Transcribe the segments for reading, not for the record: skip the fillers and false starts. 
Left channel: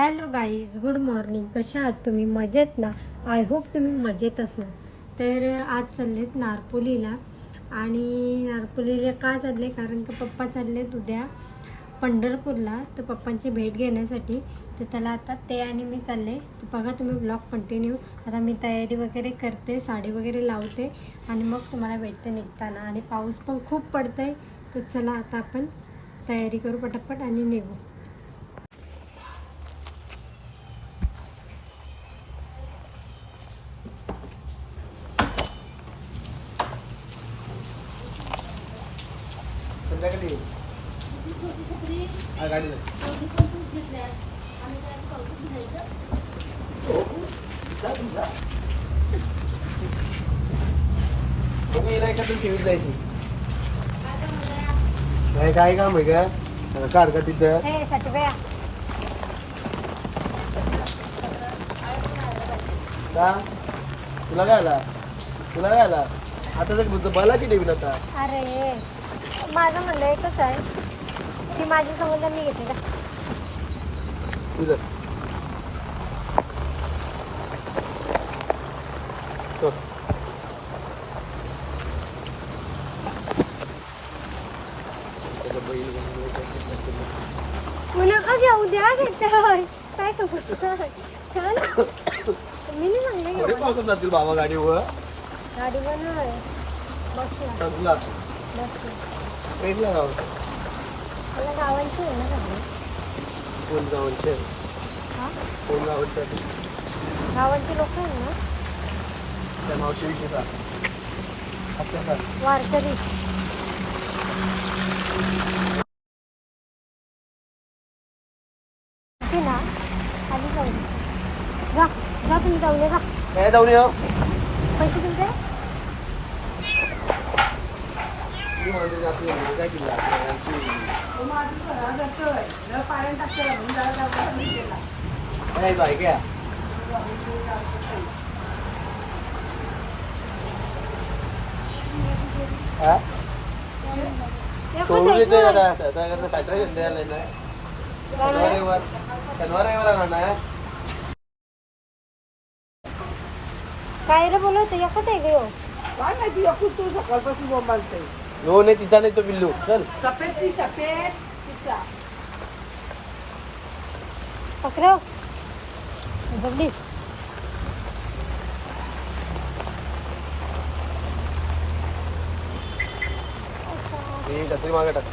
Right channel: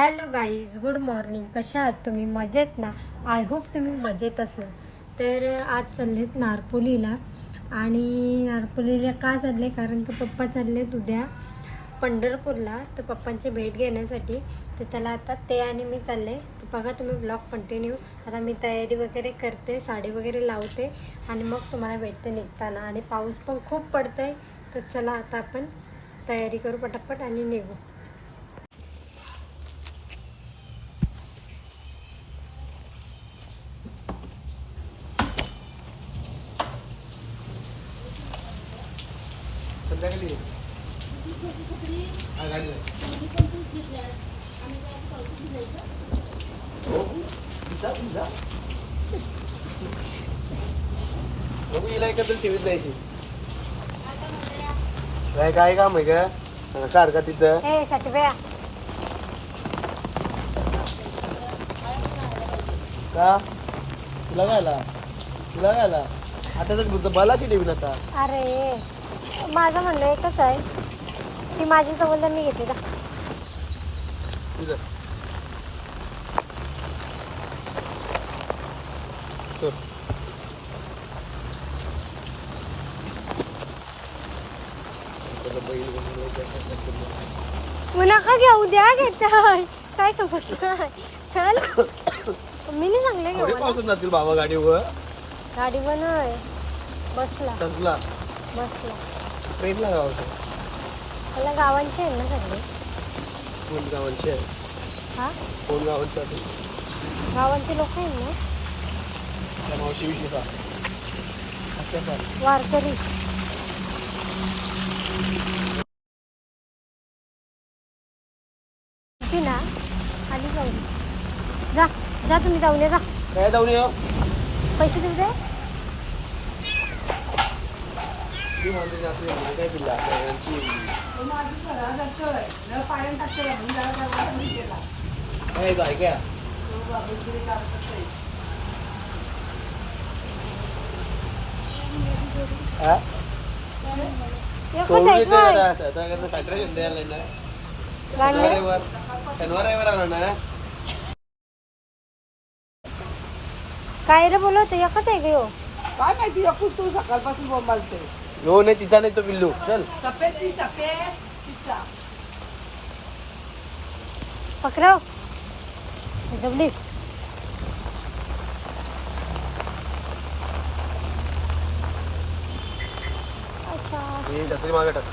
Hello guys, good morning. कशा आहात तुम्ही? मजेत ना? आय होप तुम्ही मजेत असणार. तर आज चाललेत नारपोलीला. आणि नारपोलीला का चालले? कारण की पप्पा चाललेत उद्या पंढरपूरला, तर पप्पांची भेट घेण्यासाठी. तर चला आता ते आणि मी चालले. तर बघा तुम्ही ब्लॉग कंटिन्यू. आता मी तयारी वगैरे करते, साडी वगैरे लावते आणि मग तुम्हाला भेटते निघताना. आणि पाऊस पण खूप पडतं आहे. तर चला आता आपण तयारी करू पटापट आणि निघू. संध्याकाळी गाडी हिला एखादं ठेवीत जायची काय काम आहे का सारखं तिथं का तुला काय आला आता तर बालाची ठेवीन आता. अरे माझं म्हणणं एकच आहे की माझी संबंध मी घेते का? नका घेऊ द्या घेताय काय समजत चल मी नाही सांगले पासून जातील बाबा गाडीवर. गाडीवर नाही बसला ट्रेनला जाऊ. मला गावांचे आहे ना सगळे. कोण गावांचे? हा कोण गावांचे? गावांची लोक आहेत ना. त्या मावशी विषयी वारकरी. ना आली जाऊ जा जा तुम्ही जाऊन जा. काय जाऊन येऊ? पैसे देऊ दे. काय किल्ला काय काय रे बोलवतो एकच आहे घेऊ. काय माहिती एकूच तू सकाळपासून बोंबालते. हो नाही तिचा नाही तो बिल्लू. चल सफेद तिचा पकड़ो जल्दी. छत्री मागे टाक.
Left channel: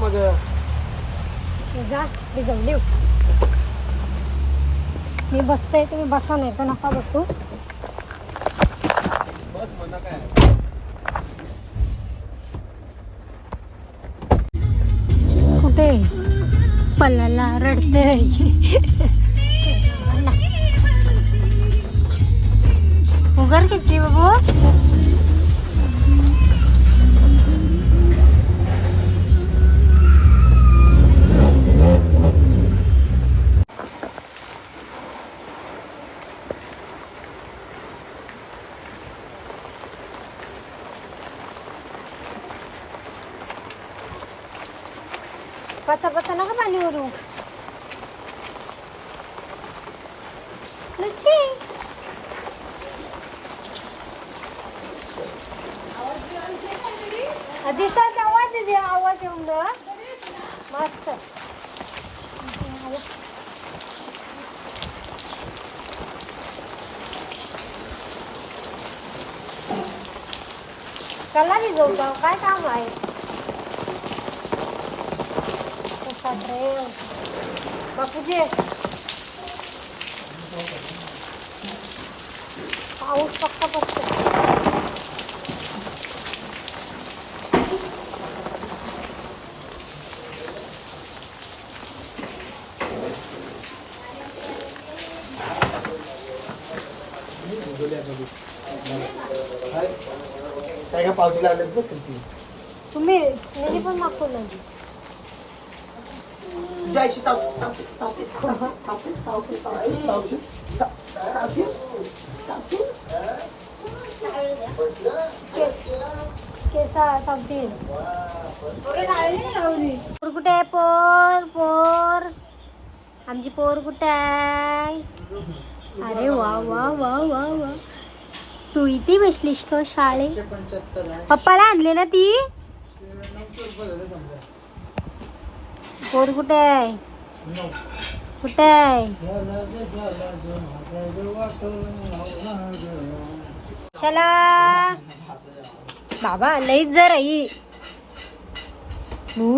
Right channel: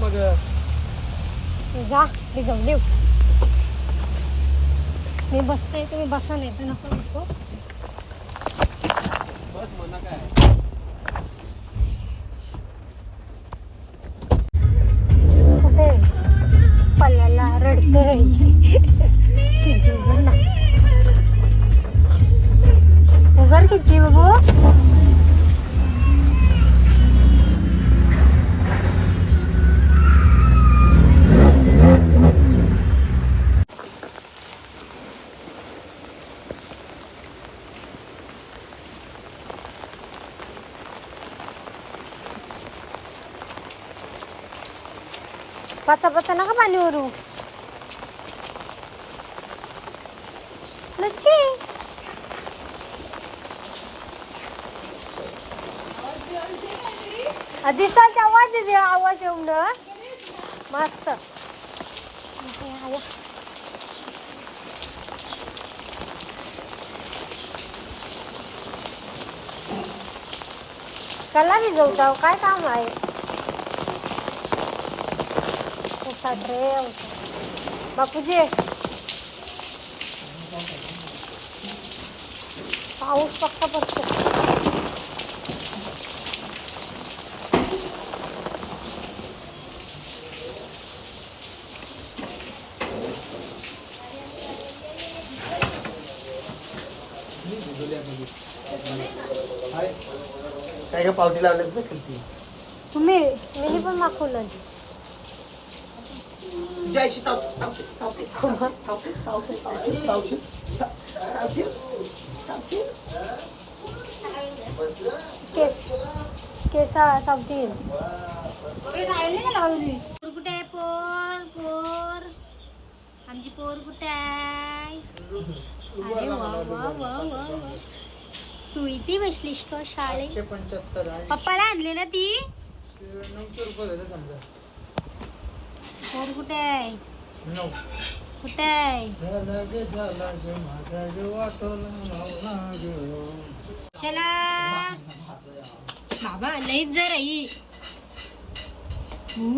मग जा मी जाऊन देऊ. मी बसते तुम्ही बसा नाही तर नका बसू. बस म्हणा काय कुठे पल्ल्याला रडते. उगार किती बाबू. पचा नका पाणी ओरू. नच्ची दिसाचा आवाज दे. आवाज येऊन ना मस्त. कला मी जाऊ काय काम आहे. बापूजी पाऊस पक्का पडतो. काय का पावती लावले तुम्ही पण दाखवलं. तुझ्या आईशी केसा सांगतील पोर कुठे आहे? पोर पोर आमची पोर कुठे आहे? अरे वा वा वा वा वा. तू इथे बसलीस का शाळेत? पप्पाला आणले ना ती? पोर कुठे आहे? कुठे आहे? चला बाबा लईच जर आई तू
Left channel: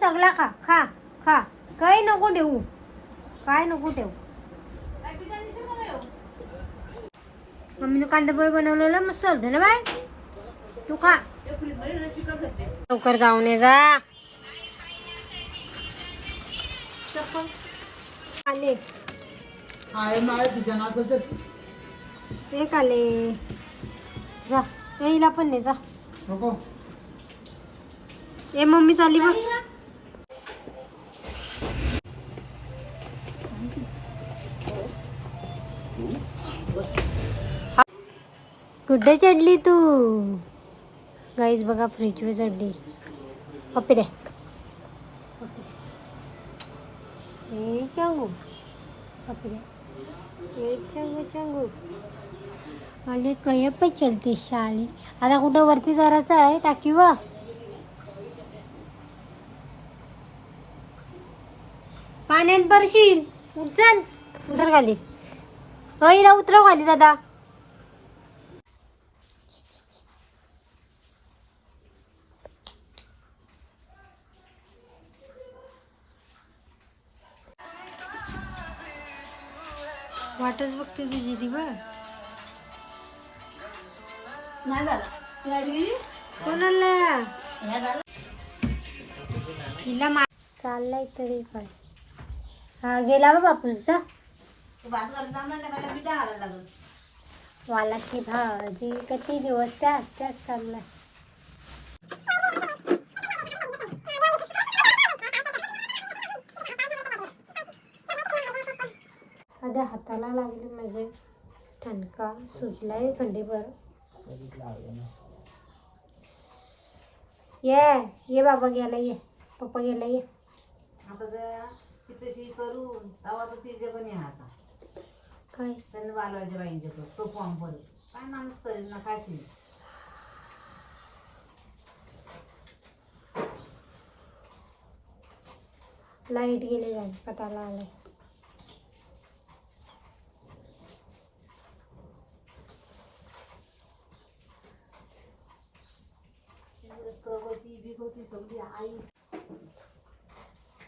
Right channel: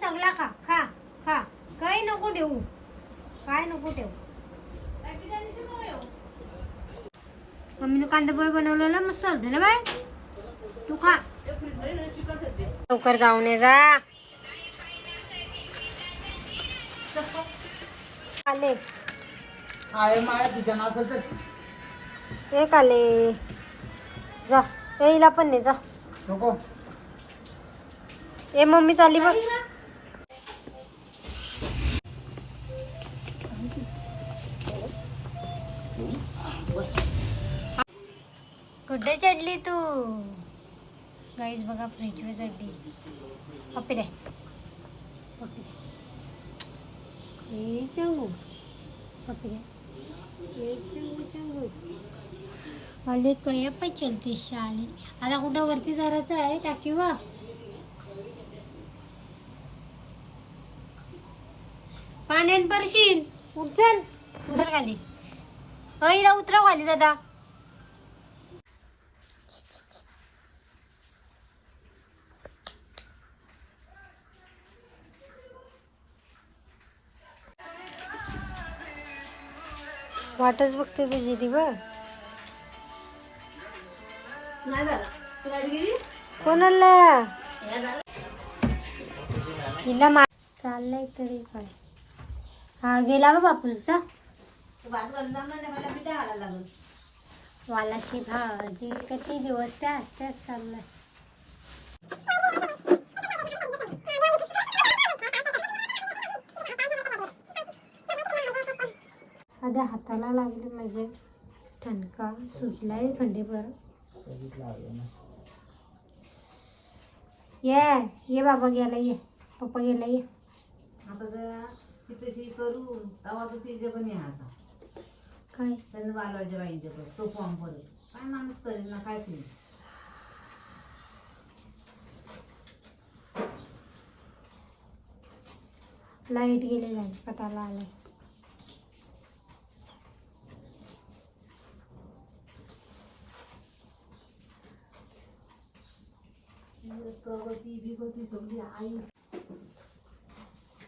सगळा खा खा खा. काही नको ठेवू, काय नको ठेवू. मम्मीने कांदा पोहे बनवलेला मस्त होते ना बाय. तू खा लवकर जाऊन ये जा. आले एक आले जा. येईला पण नाही जा. ए मम्मी चालली बघ. कुठे चढली तू? गाईज बघा फ्रीजवर चढली. पप्पी दे चांगू. पप्पी दे चांगू चांगू. आणि कय पण चलती शाळी. आता कुठं वरती जायचं आहे टाकी वा. पाण्यात भरशील. उचल उतर खाली. ना उतरव खाली दादा. वाटच बघते तुझी ती बघ. कोणाला तिला चाललाय तरी काय. हा गेला बा बापूसचा. वालाची भाजी किती दिवस त्या असत्याच चाललाय. आधी हाताला लागले माझे. ठणका सुजलाय खंडीभर. ये बाबा गेला. ये पप्पा गेला. ये काय लाईट गेले जाईल. पटाला आलाय.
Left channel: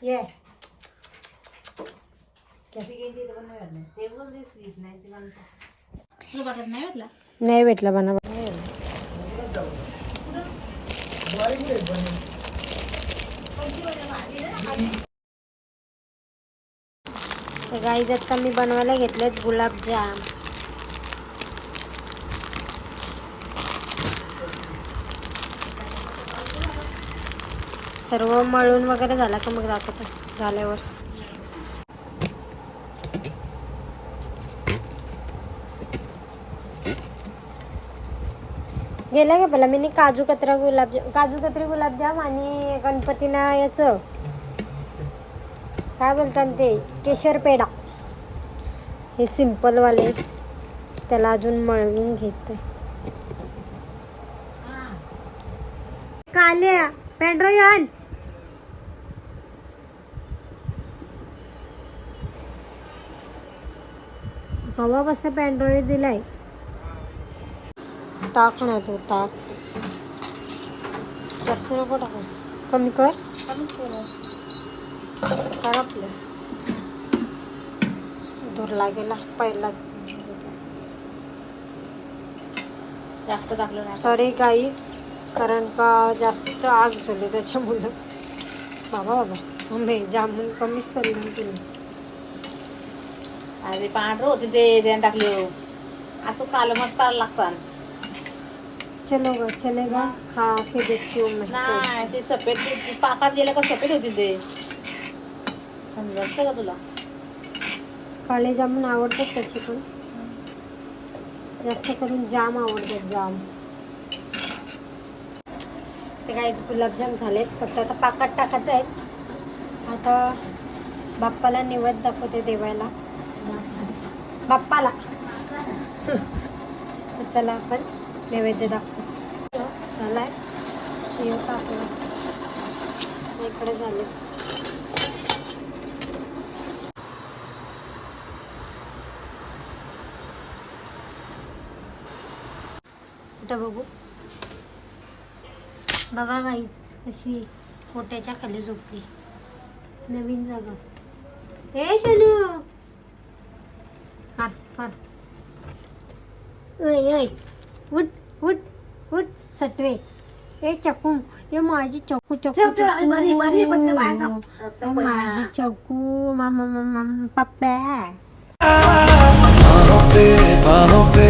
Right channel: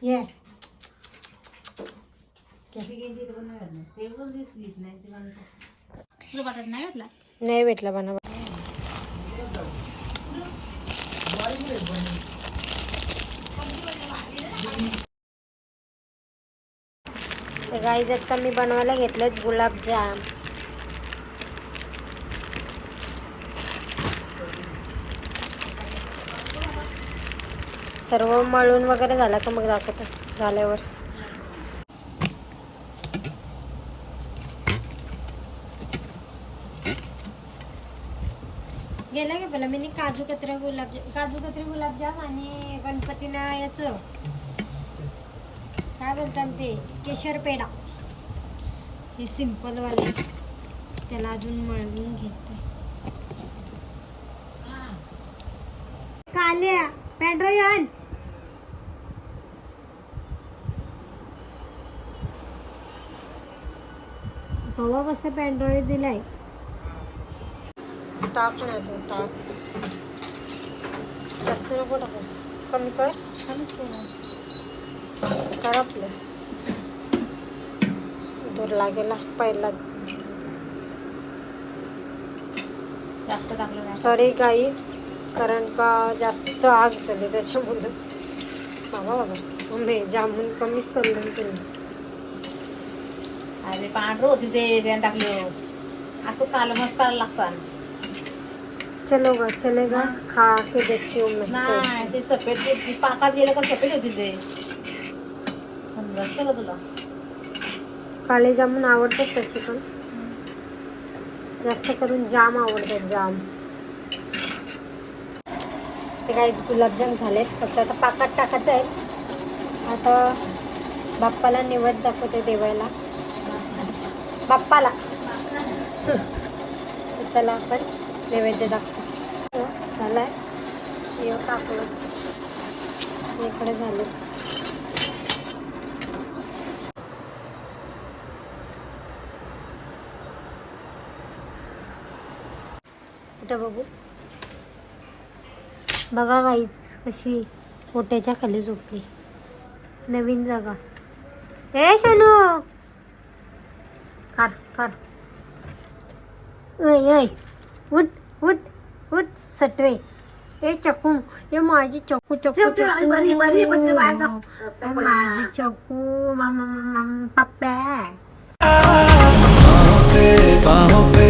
ये नाही भेटला बना. तर गाईज आता मी बनवायला घेतलेत गुलाबजाम. सर्व मळून वगैरे झाला का मग दाखवतो झाल्यावर. गेला का पहिला मी काजू कतरी गुलाबजाम आणि गणपतीला याचं काय बोलतात ते केशर पेढा. हे सिंपल वाले त्याला अजून मळवून घेते. काल्या पॅन्ड्रोयन हवा बस पॅन्ड्रॉइड दिलाय. टाक ना तो टाक. जास्त नको टाकू. कमी कर. आपलं दूर लागेला पहिलाच. सॉरी गाईज कारण का जास्त आग झाली त्याच्यामुळं. बाबा मम्मी जामून कमीच तळलं तुम्ही. अरे पांढरं होती ते टाकली. असं कालमच करायला लागतं. चलेगा खा के देखती हूँ मैं. नाही ते सफेद पाकात गेलं का सफेद होती ते. समजतं का तुला? काळे जामून आवडतात तशी पण. जास्त करून जाम आवडतात जाम. ते काही गुलाबजाम झालेत, फक्त आता पाकात टाकायचं आहे. आता बाप्पाला निवद दाखवते देवायला, बाप्पाला. तर चला आपण नैवेद्य दाखवू. झालाय हे टाकलं इकडे झाले. कुठं बघू, बघा गाईच कशी पोट्याच्या खाली झोपली. नवीन जागा. ए शनू कर कर. ऐ ऐ उठ उठ उठ सटवे. ए चकू, ये माझी चकू चकू चकू माझी चकू. मामा मामा पप्पा बाहों पे